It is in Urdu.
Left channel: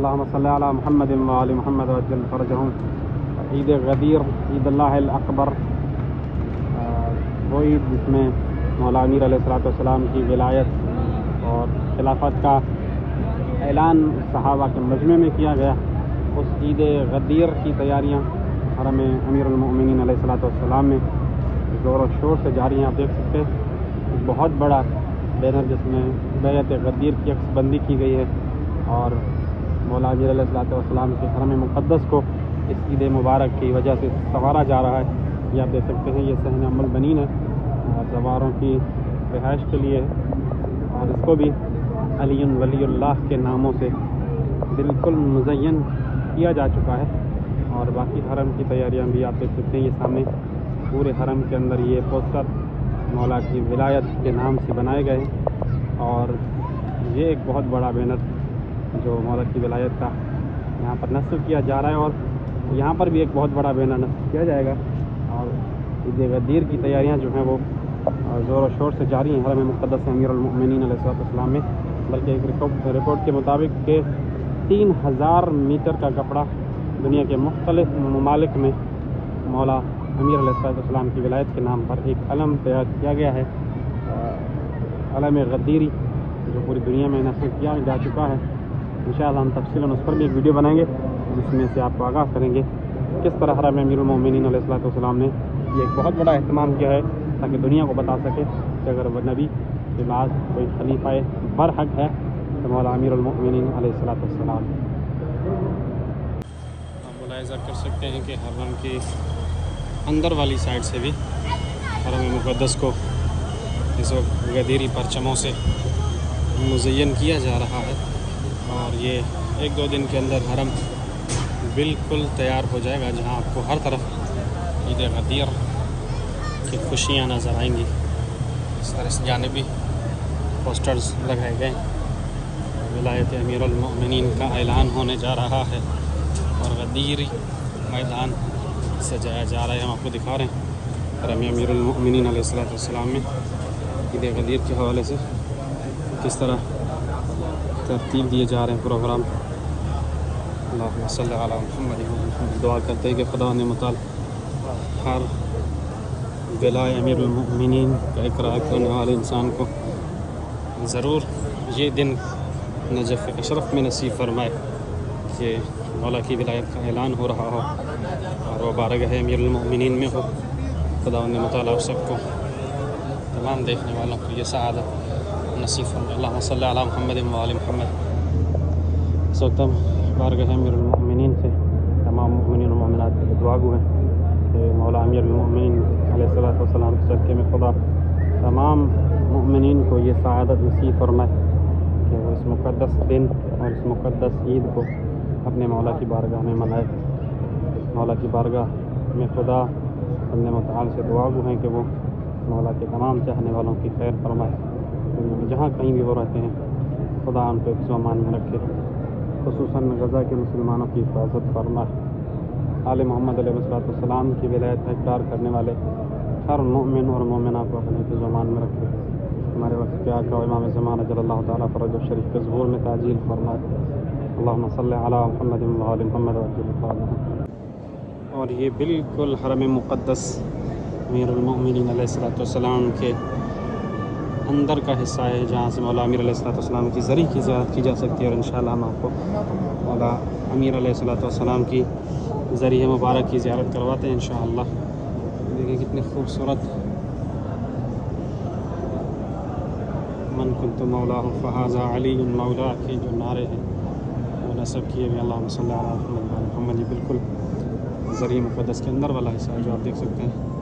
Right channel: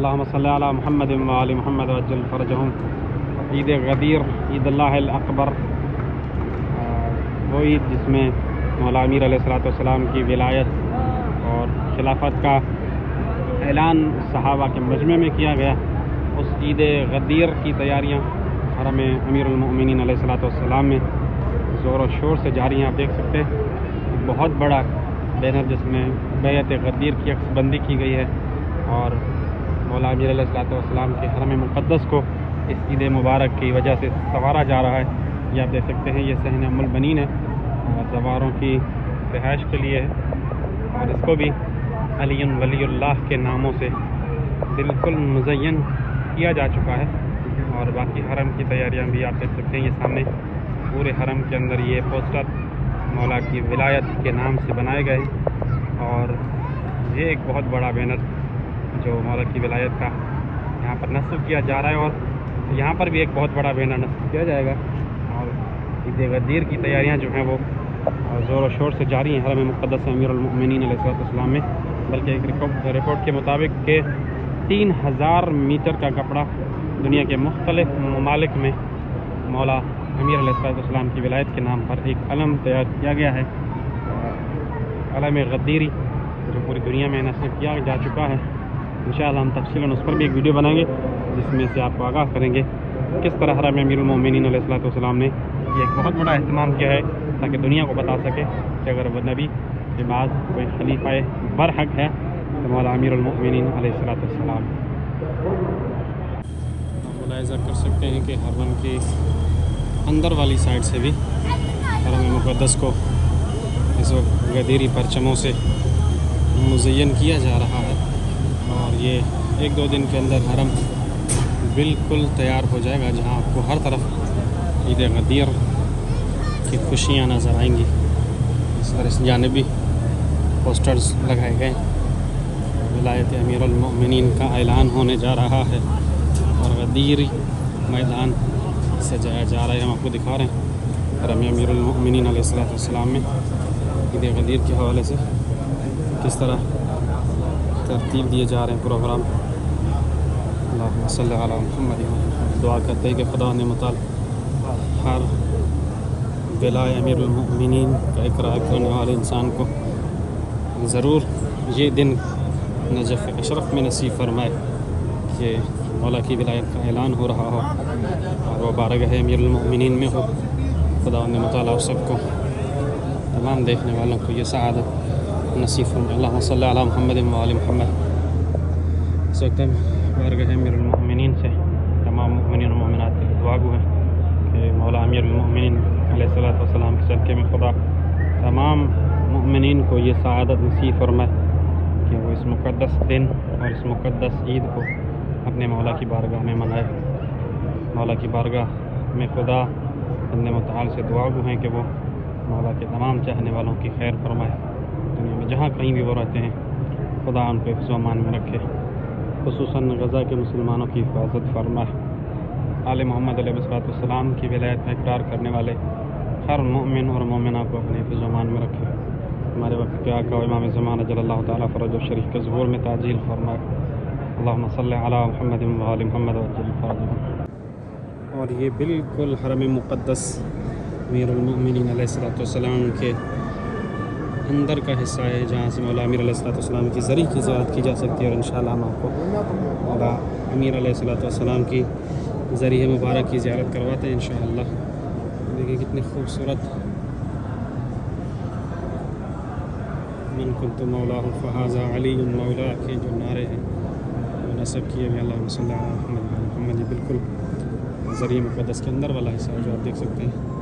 اللہم صلی علی محمد و آل محمد وعجل فرجہم۔ عید غدیر، عید اللہ الاکبر، وہ عید جس میں مولا امیر علیہ السلام کی ولایت اور خلافت کا اعلان صحابہ کے مجمع میں کیا گیا، اس عید غدیر کی تیاریاں حرم امیر المؤمنین علیہ السلام میں زور و شور سے جاری ہیں۔ آپ دیکھ سکتے ہیں بہت بڑا بینر جس میں بیعت غدیر کی عکس بندی کی گئی ہے اور مولا امیر علیہ السلام کے حرم مقدس کو اس عید مبارک کی وجہ سے سنوارا جا رہا ہے۔ یہ آپ دیکھ سکتے ہیں، یہ صحن ام البنین ہے اور سواروں کی رہائش کے لیے، اور اس کو بھی علی ولی اللہ کے ناموں سے بالکل مزین کیا جا چکا ہے۔ اور باقی حرم کی تیاریاں بھی آپ دیکھ سکتے ہیں، یہ سامنے پورے حرم کے اندر یہ پوسٹر مولا کی ولایت کے نام سے بنائے گئے ہیں، اور یہ ایک بہت بڑا بینر جو مولا کی ولایت کا یہاں پر نصب کیا جا رہا ہے، اور یہاں پر بھی ایک بہت بڑا بینر نصب کیا جائے گا۔ اور عید غدیر کی تیاریاں جو ہیں وہ زور و شور سے جاری ہیں حرم مقدس امیر المؤمنین علیہ السلام میں، بلکہ ایک رپورٹ کے مطابق کہ 3000 میٹر کا کپڑا دنیا کے مختلف ممالک میں مولا امیر علیہ السلام کی ولایت کے نام پر ایک علم تیار کیا گیا ہے، علم غدیری، جو پوری دنیا میں نصب کیا جا چکا ہے۔ انشاءاللہ ہم تفصیلاً اس پر بھی ایک ویڈیو بنائیں گے جس میں سے آپ کو آگاہ کریں گے کس طرح حرم امیر المؤمنین علیہ السلام نے یہ ایک بہت بڑا اہتمام کیا ہے، تاکہ دنیا کو بتا سکے کہ اگر وہ نبی کے بعد کوئی خلیفہ برحق ہے تو مولا امیر المؤمنین علیہ السلام۔ آپ ملاحظہ کر سکتے ہیں کہ حرم کے اندر والی سائڈ سے بھی حرم مقدس کو اس وقت غدیری پرچموں سے مزین کیا جا رہا ہے، اور یہ 1-2 دن کے اندر حرم بالکل تیار ہو جائے گا، جہاں آپ کو ہر طرف عید غدیر کی خوشیاں نظر آئیں گی۔ اس طرح سے جانبی پوسٹرز لگائے گئے، ولایت امیر المؤمنین کا اعلان ہونے جا رہا ہے، اور غدیری میدان سجایا جا رہا ہے۔ ہم آپ کو دکھا رہے ہیں حرم امیر المؤمنین علیہ السلام میں عید غدیر کے حوالے سے کس طرح ترتیب دیے جا رہے ہیں پروگرام۔ اللہم صلی علی محمد۔ دعا کرتے ہیں کہ خدا نے متعال ہر ولایت امیر المؤمنین کا اقرار کرنے والے انسان کو ضرور یہ دن نجف اشرف میں نصیب فرمائے کہ مولا کی ولایت کا اعلان ہو رہا ہو اور وہ بارگاہ امیر المؤمنین میں ہو۔ خدا نے متعال سب کو، تمام دیکھنے والوں کو یہ سعادت نصیب فرمائے۔ اللہم صلی علی محمد و آل محمد۔ اس وقت ہم بارگاہ امیر المؤمنین سے تمام مؤمنین و مومنات کی دعا گو ہیں کہ مولا امیر المؤمنین علیہ السلام کے صدقے میں خدا تمام مؤمنین کو یہ سعادت نصیب فرمائے کہ وہ اس مقدس دن اور اس مقدس عید کو اپنے مولا کی بارگاہ میں منائے۔ مولا کی بارگاہ میں خدا اپنے متعال سے دعا گو ہیں کہ وہ مولا کے تمام چاہنے والوں کی خیر فرمائے، دنیا میں جہاں کہیں بھی وہ رہتے ہیں خدا ان کو حفظ و امان میں رکھے، خصوصاً غزہ کے مسلمانوں کی حفاظت فرمائے۔ آل محمد علیہ السلام کی ولایت کا اقرار کرنے والے ہر مومن اور مومنہ کو اپنے حفظ و امان میں رکھے۔ ہمارے وقت کے آقا و امام زمان اجل اللہ تعالیٰ فرج الشریف کے ظہور میں تعجیل فرمائے۔ اللہم صلی علی محمد و آل محمد وعجل فرجہ۔ اور یہ بالکل حرم مقدس امیر المؤمنین علیہ السلام کے اندر کا حصہ ہے، جہاں سے مولا امیر علیہ السلام کی زری کی زیارت کی جا سکتی ہے، اور انشاءاللہ ہم آپ کو مولا امیر علیہ السلام کی ذریعہ مبارک کی زیارت کرواتے ہیں انشاءاللہ۔ دیکھیں کتنی خوبصورت من کنت مولا فہذا علی مولا کے جو نعرے ہیں وہ نصب کیے ہوئے اللہم صلی علی محمد۔ یہ بالکل ذریعہ مقدس کے اندر والا حصہ ہے جو آپ دیکھ سکتے ہیں۔